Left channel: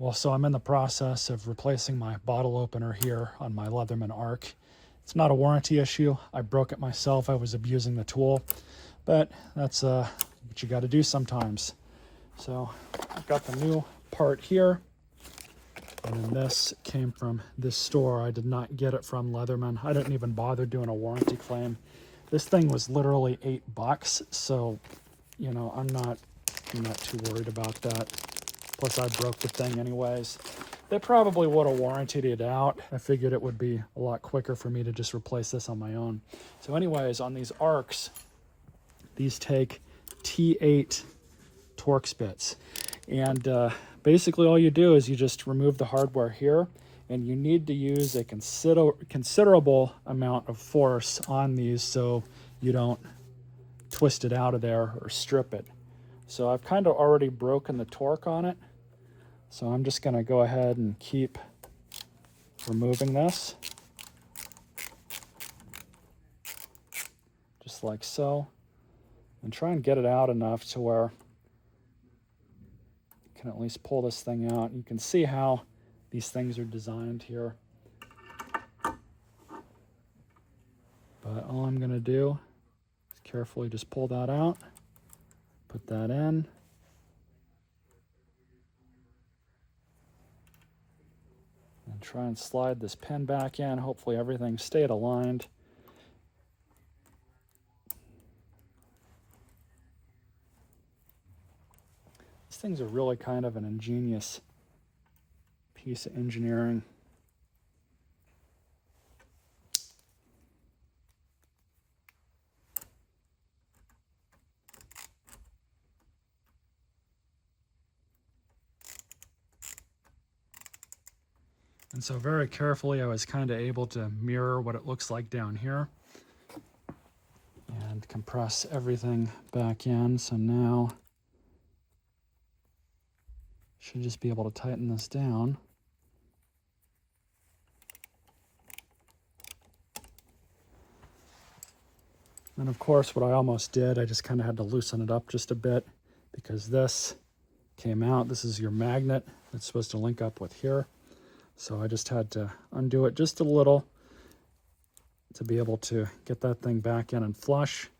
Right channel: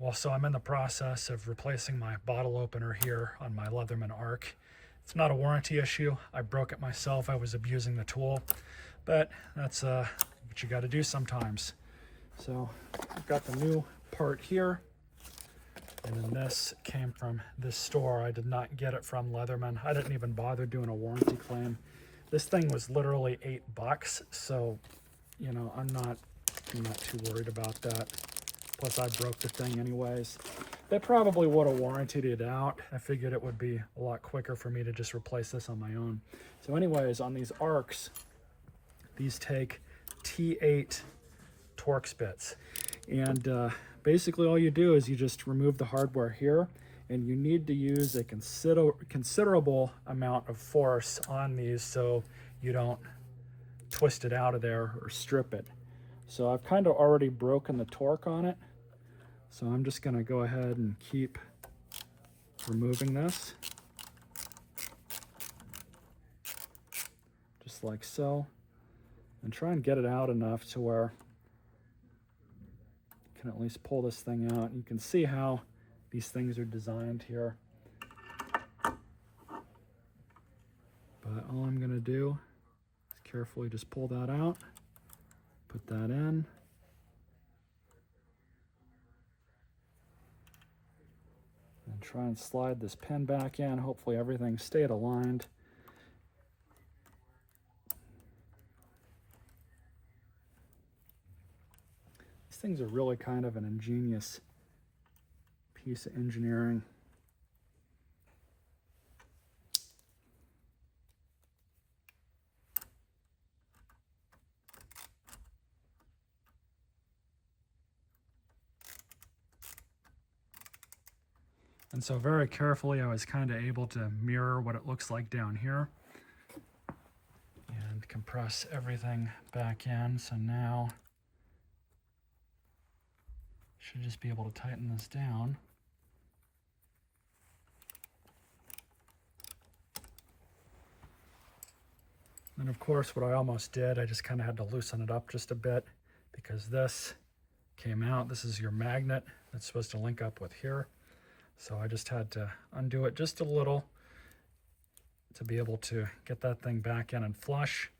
Well, so I'm in the process of replacing my bottle opener here on my Leatherman Arc. It's not a warranty issue. I broke it myself. I was abusing the tool, but that's what you got to do sometimes. So I've got the new part here, and then this came from this store. I did not get it from Leatherman. I didn't even bother doing a warranty claim. This thing was literally $8, so you know I'm not too worried about that. Plus I broke the thing anyways. They probably would have warrantied it out. I figured it would be a lot quicker for me to just replace this on my own. So anyways, on these arcs, these take T8 Torx bits. And basically all you do is you just remove the hardware here, and you need to use a considerable amount of force on these so you don't twist it out of there or strip it. So I've kind of already broken the torque on it. So I'm just going to go ahead and keep removing this. Just like so. And try and get it out enough to where you can at least pull this thing out. You can see how these things are designed here. But all I'm going to do is carefully just pull that out. Put that in. And try and slide this pin back in. Hopefully everything stayed aligned. These things are really kind of an ingenious piece of engineering. And so very carefully I was kind of able to mirror what it looks like down here and compress everything back in. So now should just be able to tighten this down. And of course what I almost did, I just kind of had to loosen it up just a bit because this came out. This is your magnet that's supposed to link up with here. So I just had to undo it just a little to be able to get that thing back in and flush.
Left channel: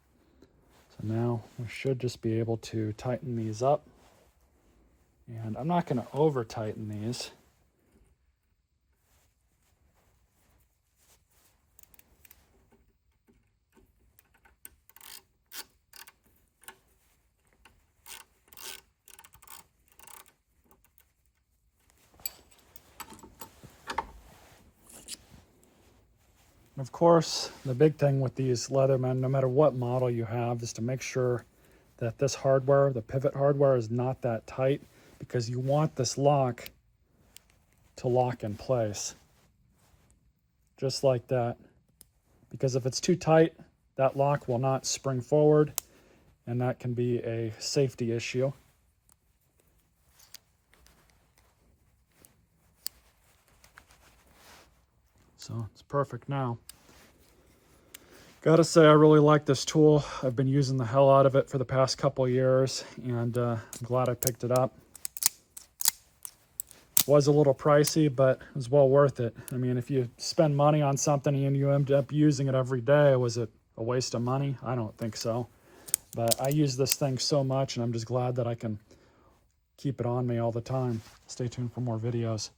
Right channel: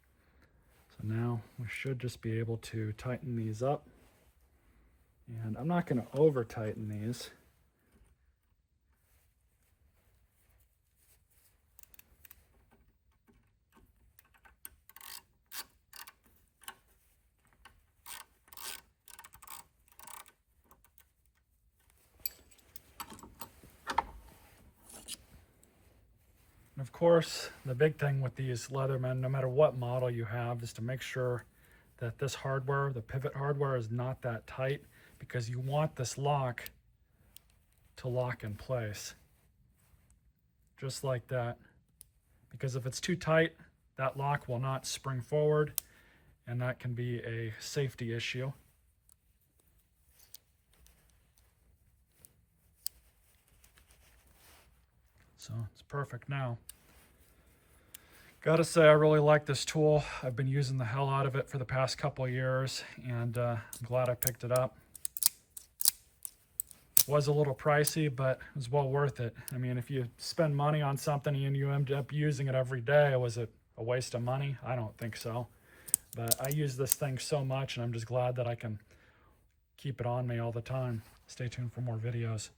So now we should just be able to tighten these up. And I'm not going to over tighten these. Of course, the big thing with these Leatherman, no matter what model you have, is to make sure that this hardware, the pivot hardware, is not that tight, because you want this lock to lock in place. Just like that. Because if it's too tight, that lock will not spring forward, and that can be a safety issue. So it's perfect now. Gotta say, I really like this tool. I've been using the hell out of it for the past couple of years, and I'm glad I picked it up. It was a little pricey, but it was well worth it. I mean, if you spend money on something and you end up using it every day, was it a waste of money? I don't think so. But I use this thing so much, and I'm just glad that I can keep it on me all the time. Stay tuned for more videos.